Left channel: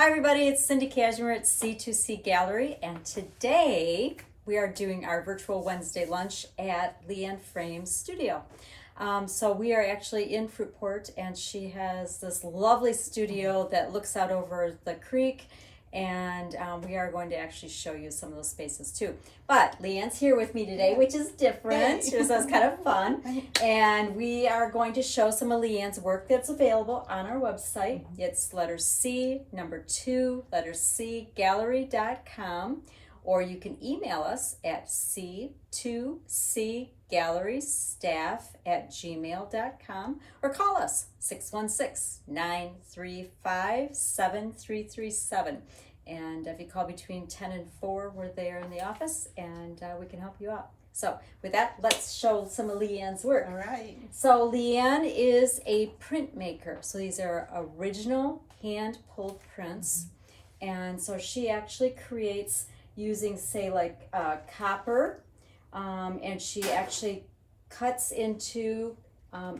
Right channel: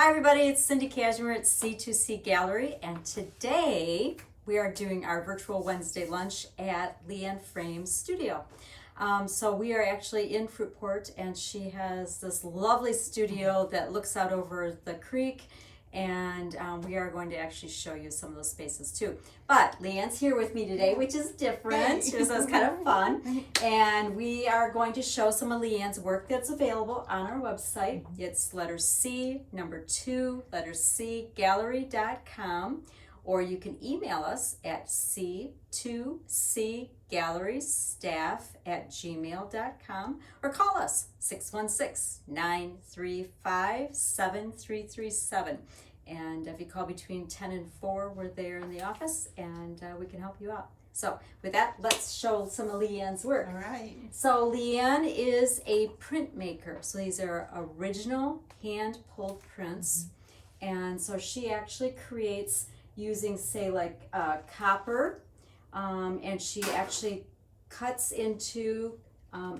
Hi everybody, it's Cindy Cashmere at C2C Gallery, and today we are doing our virtual Wednesday lunch at Leanne Frame's studio. So we are actually in Fruitport, and she has this lovely studio that looks out over the creek, and we are going to actually show you some of those spaces too. But Leanne's here with me today, which is different, so it's kind of fun, and we are going to show some of Leanne's work that's available on our website. It's letter C, number 2, letter C, gallery.com, or you can email us at c2cgallerystaff@gmail.com, or call us 616-935-7337. And if you call between 10 and 4, we're there in the office, and we can help you out. So with that, let's show some of Leanne's work. All right. So Leanne is a printmaker. So these are original hand-pulled prints. And so she actually creates using, say, like copper, and she actually cuts into,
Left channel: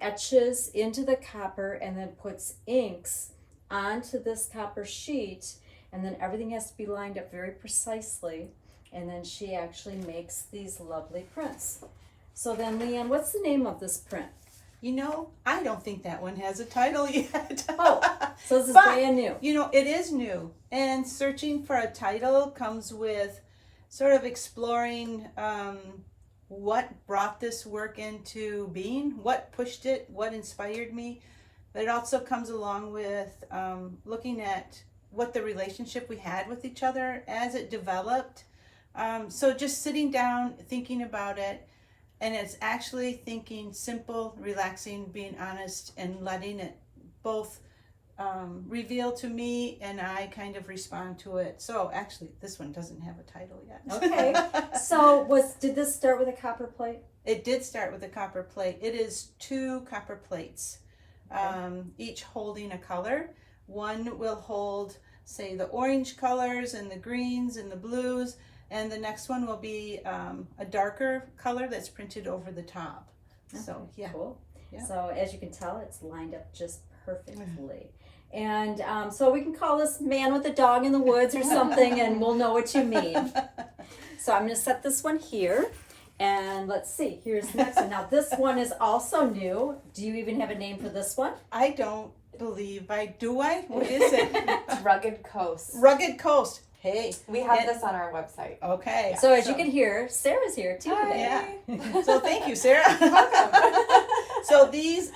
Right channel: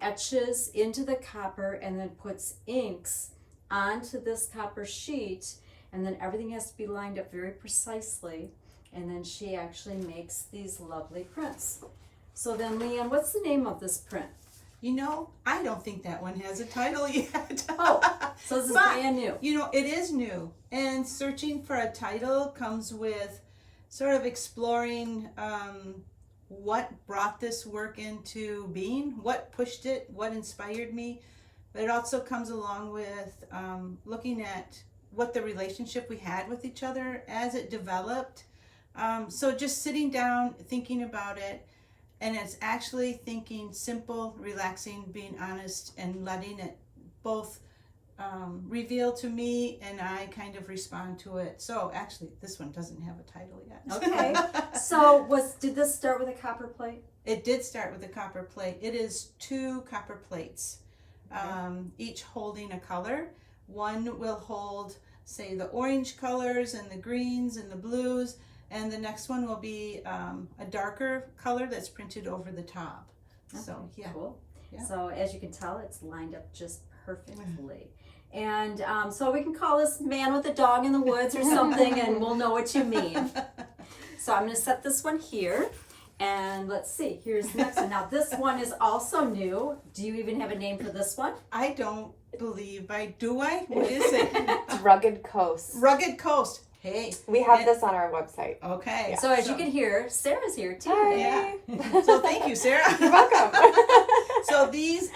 etches into the copper, and then puts inks onto this copper sheet, and then everything has to be lined up very precisely, and then she actually makes these lovely prints. So then, Leanne, what's the name of this print? You know, I don't think that one has a title yet. Oh, so this is But, brand new. You know, it is new, and searching for a title comes with sort of exploring what brought this work into being, what pushed it, what inspired me. But it also comes along with looking at what the relationship we had with each other as it developed. So just sitting down, thinking about it, and it's actually thinking simple, relaxing, being honest, and letting it both reveal to me, and I kind of respond to it. So actually, this one doesn't have a title yet. Okay. So did this start with a copper plate? It did start with a copper plate. It is 2 copper plates, each holding a color. One will hold, say, the orange colors and the greens and the blues, and the next one will be a darker color that's printed over the top. Okay, So yeah. Cool. Yeah. So as you can tell, it's lined up just perfectly. And so we can call this Man with a Dog in the Woods or something, and we'll know what you mean. So I'm going to set this one here, and let's see, here's the next one. Now this one is also new. Do you even have a name for this one? I don't believe do I? What is it? It's Rugged Coast. Rugged Coast. Hey. We have this on our website. Okay. So as you can hear, Sarah's here too. Hi. Yeah. So thank you, Sarah. You're welcome. So these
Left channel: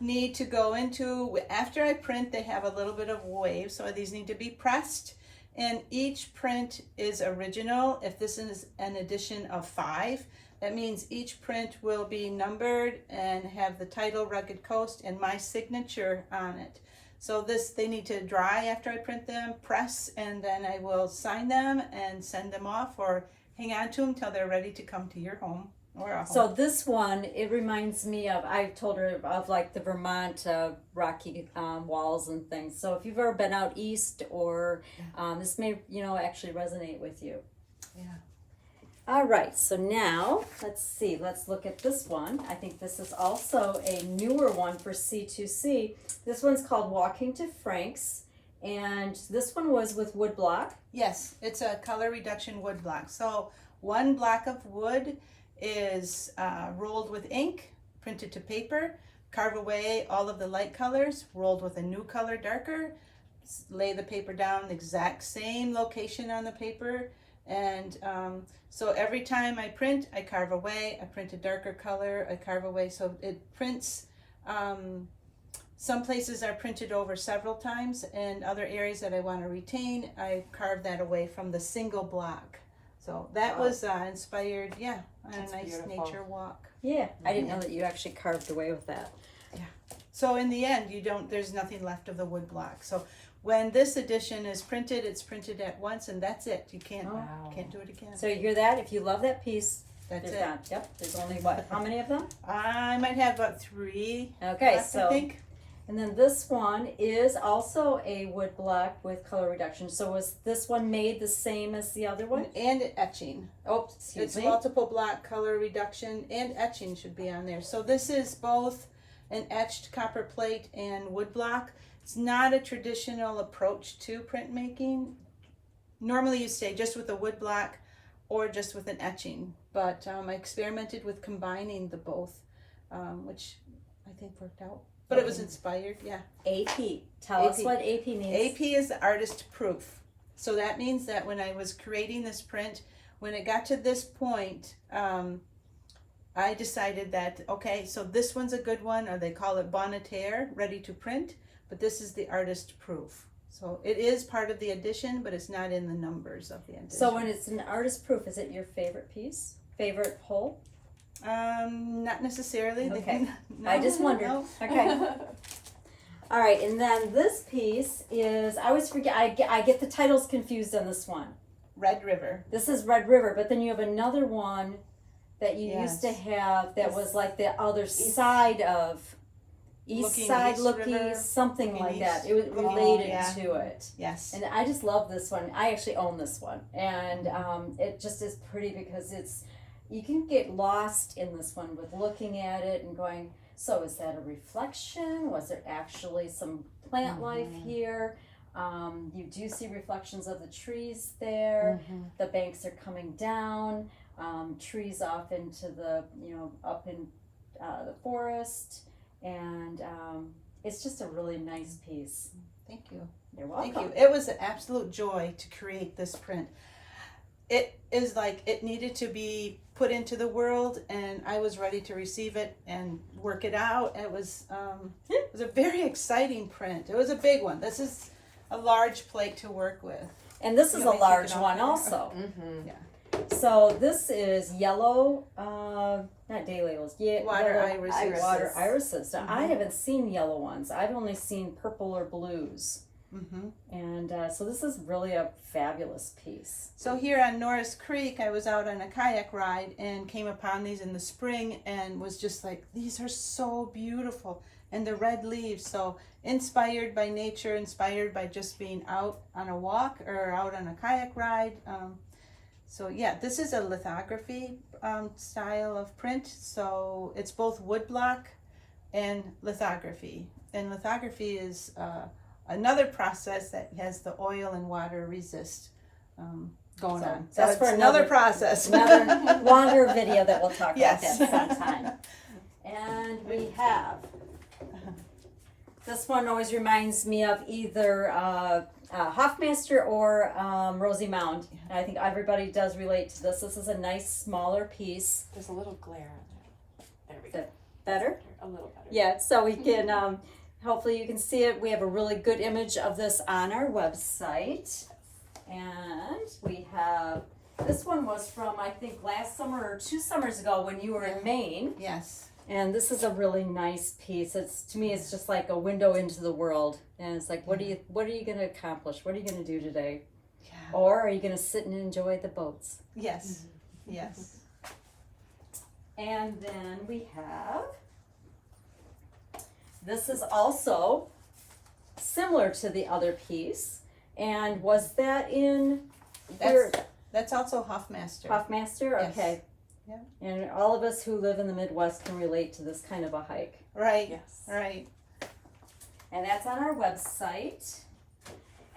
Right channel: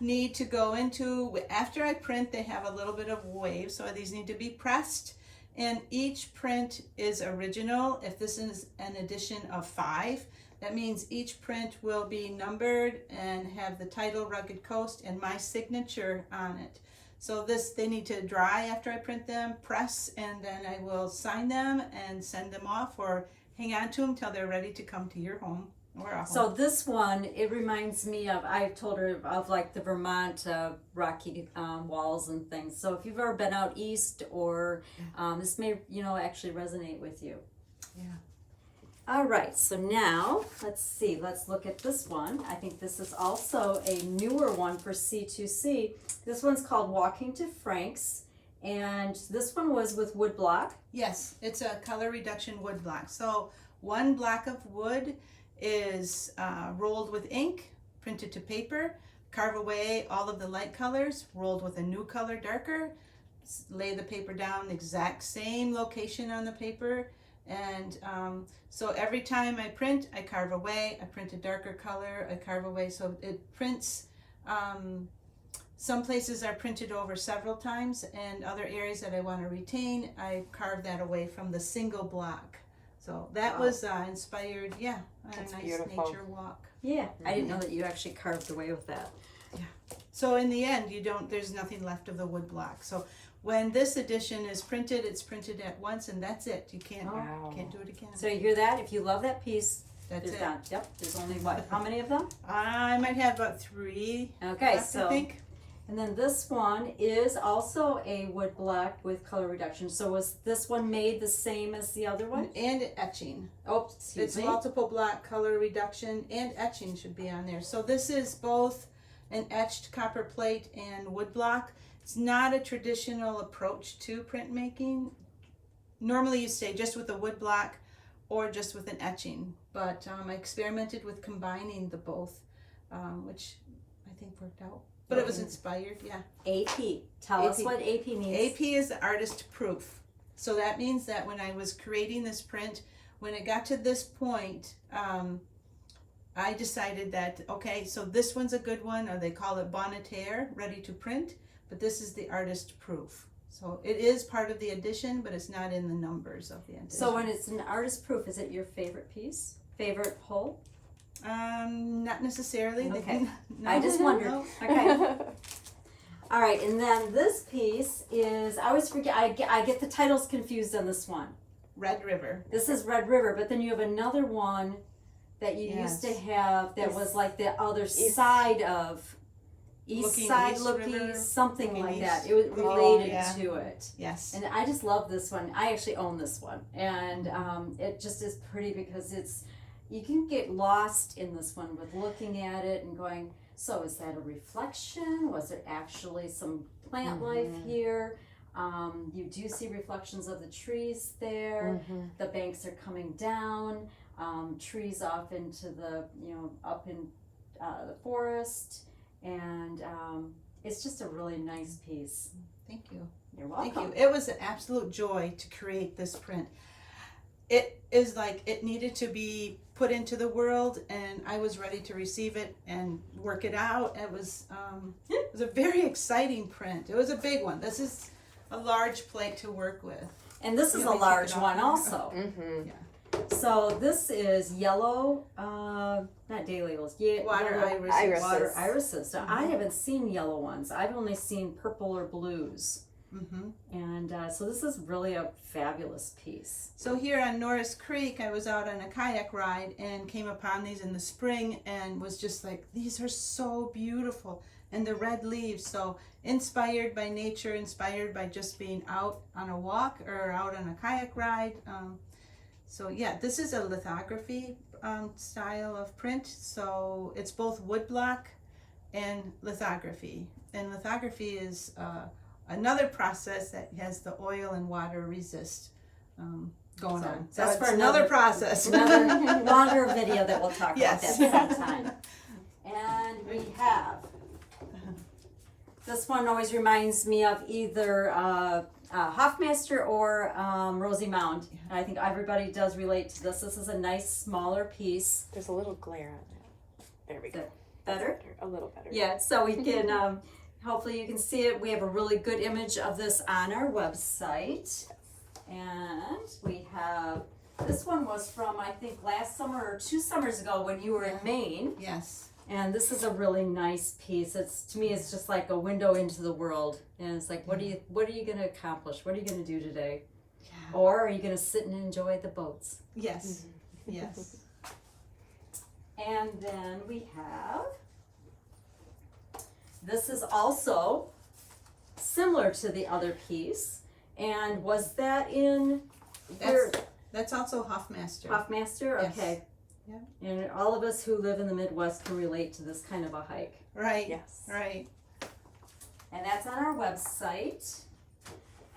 need to go into, after I print, they have a little bit of wave, so these need to be pressed, and each print is original. If this is an edition of 5, that means each print will be numbered and have the title Rugged Coast and my signature on it. So they need to dry after I print them, press, and then I will sign them and send them off, or hang on to them till they're ready to come to your home. So this one, it reminds me of, I told her of like the Vermont rocky walls and things. So if you've ever been out east, or this may, actually resonate with you. Yeah. All right, so now let's see, let's look at this one. I think this is also a newer one for C2C. This one's called Walking to Frank's, and this one was with wood block. Yes, it's a color reduction wood block. So 1 block of wood is rolled with ink, printed to paper, carve away all of the light colors, rolled with a new color darker, lay the paper down the exact same location on the paper, and so every time I print, I carve away, I print a darker color, I carve away, so it prints. Some places are printed over several times, and other areas that I want to retain, I carve that away from the single block. So that was inspired, on That's a nice beautiful. nature walk. Yeah, I didn't know that you actually carved away with that. So in the end, there's nothing left of the wood block. So when this edition is printed, it's printed at once, and that's it. You can't do it again. So you hear that? If you love that piece, That's you're it. done. Yep, there's only what? How many of them? I might have about 3. Okay, left, so I think. and then this one is also a wood block with color reduction. So was this one made the same as the other one? And etching. Oh, excuse It's me. multiple block color reduction, and etching should be on there. So this is both an etched copper plate and wood block. It's not a traditional approach to printmaking. Normally you stay just with a wood block or just with an etching, but I experimented with combining the both, which I think worked out. But it was inspired, yeah. AP. Tell us what AP means. AP is the artist proof. So that means that when I was creating this print, when it got to this point, I decided that, okay, so this one's a good one, or they call it bon terre, ready to print, but this is the artist proof. So it is part of the edition, but it's not in the numbers of the edition. So when it's an artist proof, is it your favorite piece? Favorite pull? Not necessarily. Okay. No, I just wondered. no. Okay. All right, and then this piece is, I always forget, I get the titles confused on this one. Red River. This is Red River, but then you have another one that you used to Yes. have that was like the other East- side of Looking side East looking, River. something Looking like that. east. It was Oh, related yeah. to it. Yes. And I just love this one. I actually own this one. And it just is pretty because you can get lost in this one with looking at it and going, so is that a reflection? Was there actually some plant life here? You do see reflections of the trees there. The banks are coming down, trees off into the, up in the forest. And it's just a really nice piece. Thank you. You're welcome. Thank you. It was an absolute joy to create this print. It is like it needed to be put into the world, and I was ready to receive it and work it out. It was a very exciting print. It was a big one. This is a large plate to work with. And this is You a want me to take large it off? one also. Mm-hmm. So this is yellow, not daylilies, Water yellow irises. water irises. Now, I haven't seen yellow ones. I've only seen purple or blues. Mm-hmm. And so this is really a fabulous piece. So here on Norris Creek, I was out on a kayak ride and came upon these in the spring and was just like, these are so beautiful. And the red leaves, so inspired by nature, inspired by just being out on a walk or out on a kayak ride. So yeah, this is a lithography style of print. So it's both woodblock and lithography. And lithography is another process that has the oil and water resist going on. So that's it's for another process. Another longer video that we'll talk Yes. about that sometime. And we have, this one always reminds me of either Hofmeister or Rosie Mound. And I think everybody does relate to this. This is a nice smaller piece. There's a little glare on it. There we go. Better? A little better. Yeah, so we can, hopefully you can see it. We have a really good image of this on our website. And we have, this one was from, I think, last summer or 2 summers ago when you were in Maine. Yes. And this is a really nice piece. It's, to me, it's just like a window into the world. And it's like, what are you going to accomplish? What are you going to do today? Yeah. Or are you going to sit and enjoy the boats? Yes. Yes. And then we have, this is also similar to the other piece. And was that in That's also Hofmeister. Hofmeister? Yes. Okay. Yeah. And all of us who live in the Midwest can relate to this kind of a hike. Right. Yes. Right. And that's on our website.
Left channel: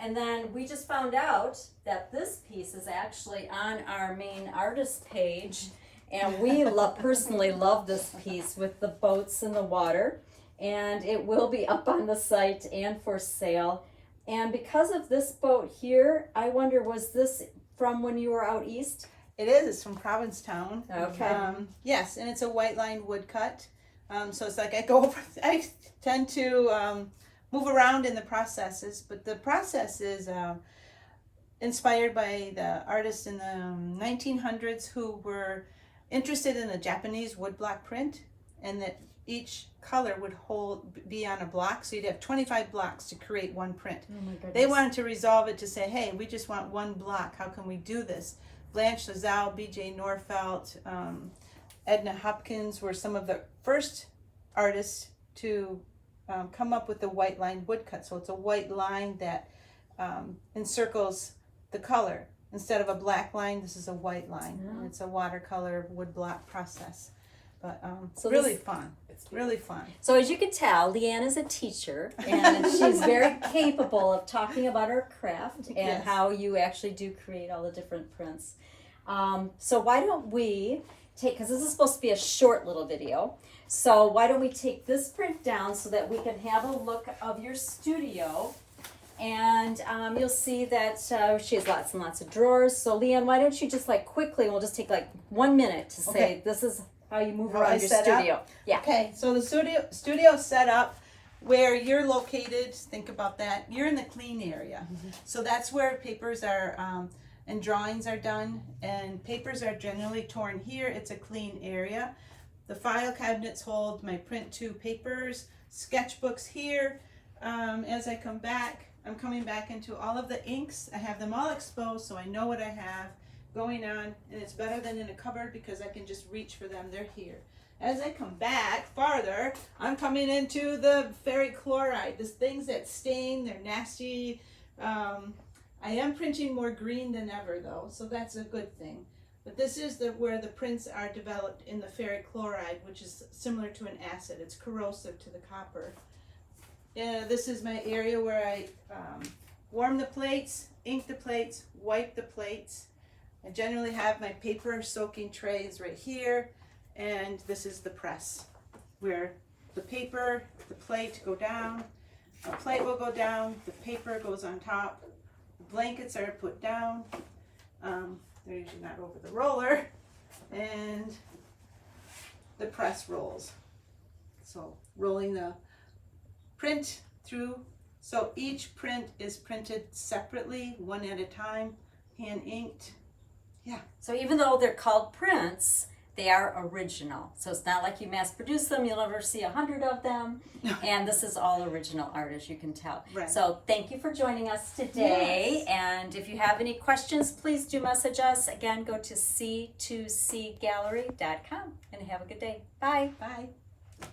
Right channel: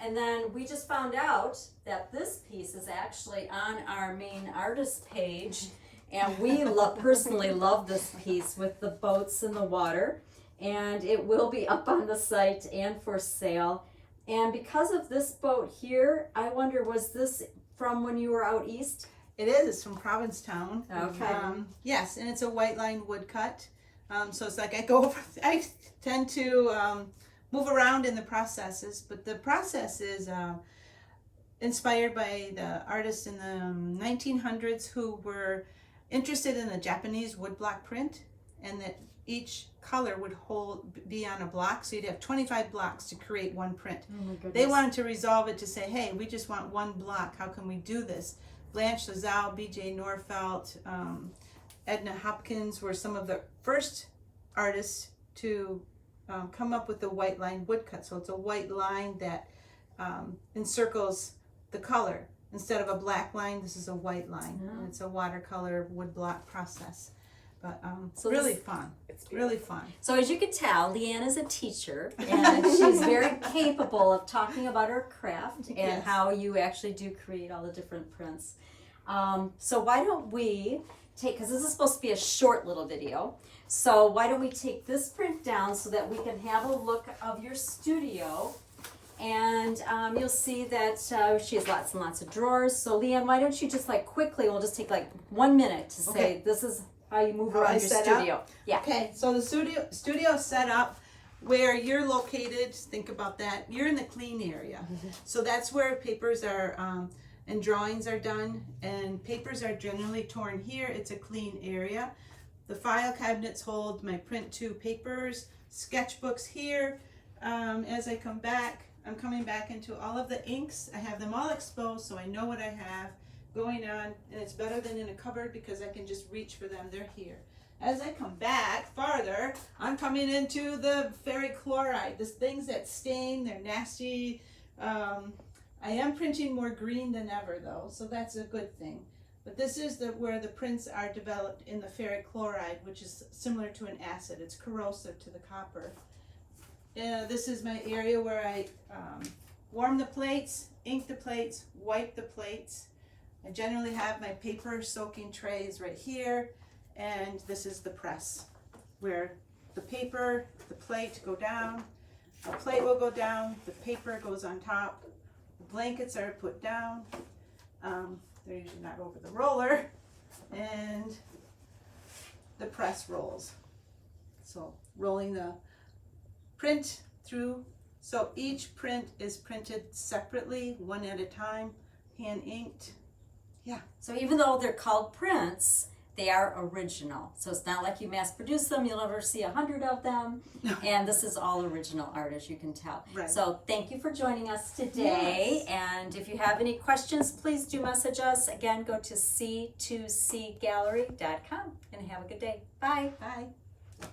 And then we just found out that this piece is actually on our main artist page. And we personally love this piece with the boats in the water. And it will be up on the site and for sale. And because of this boat here, I wonder, was this from when you were out east? It is. It's from Provincetown. Okay. Yes, and it's a white line woodcut. So it's like I tend to move around in the processes, but the process is inspired by the artists in the 1900s who were interested in the Japanese woodblock print, and that each color would be on a block, so you'd have 25 blocks to create one print. Oh my goodness. They wanted to resolve it to say, hey, we just want one block. How can we do this? Blanche Lazelle, B.J. Norfelt, Edna Hopkins were some of the first artists to come up with the white line woodcut. So it's a white line that encircles the color. Instead of a black line, this is a white line. Mm-hmm. It's a watercolor woodblock process. But So really this- fun, It's really fun. So as you can tell, Leanne is a teacher, and she's very capable of talking about her craft and Yes. how you actually do create all the different prints. So why don't we take, because this is supposed to be a short little video, so why don't we take this print down so that we can have a look of your studio. And you'll see that she has lots and lots of drawers. So Leanne, why don't you just like quickly, we'll just take like 1 minute to say Okay. this is how you move How around I your set up? studio. Yeah. Okay, so the studio set up where you're located. Think about that. You're in the clean area, so that's where papers are and drawings are done. And papers are generally torn here. It's a clean area. The file cabinets hold my print 2 papers, sketchbooks here. As I come back, I'm coming back into all of the inks. I have them all exposed, so I know what I have going on, and it's better than in a cupboard because I can just reach for them. They're here. As I come back farther, I'm coming into the Ferric Chloride. These things that stain, they're nasty. I am printing more green than ever though, so that's a good thing. But this is where the prints are developed in the Ferric Chloride, which is similar to an acid. It's corrosive to the copper. This is my area where I warm the plates, ink the plates, wipe the plates. I generally have my paper soaking trays right here, and this is the press where the paper, the plate go down, the plate will go down, the paper goes on top, the blankets are put down, they're usually not over the roller, and the press rolls. So rolling the print through. So each print is printed separately, one at a time, hand inked. Yeah. So even though they're called prints, they are original. So it's not like you mass produce them, you'll never see 100 of them. And this is all original art, as you can tell. Right. So thank you for joining us today. Yes. And if you have any questions, please do message us. Again, go to c2cgallery.com and have a good day. Bye. Bye.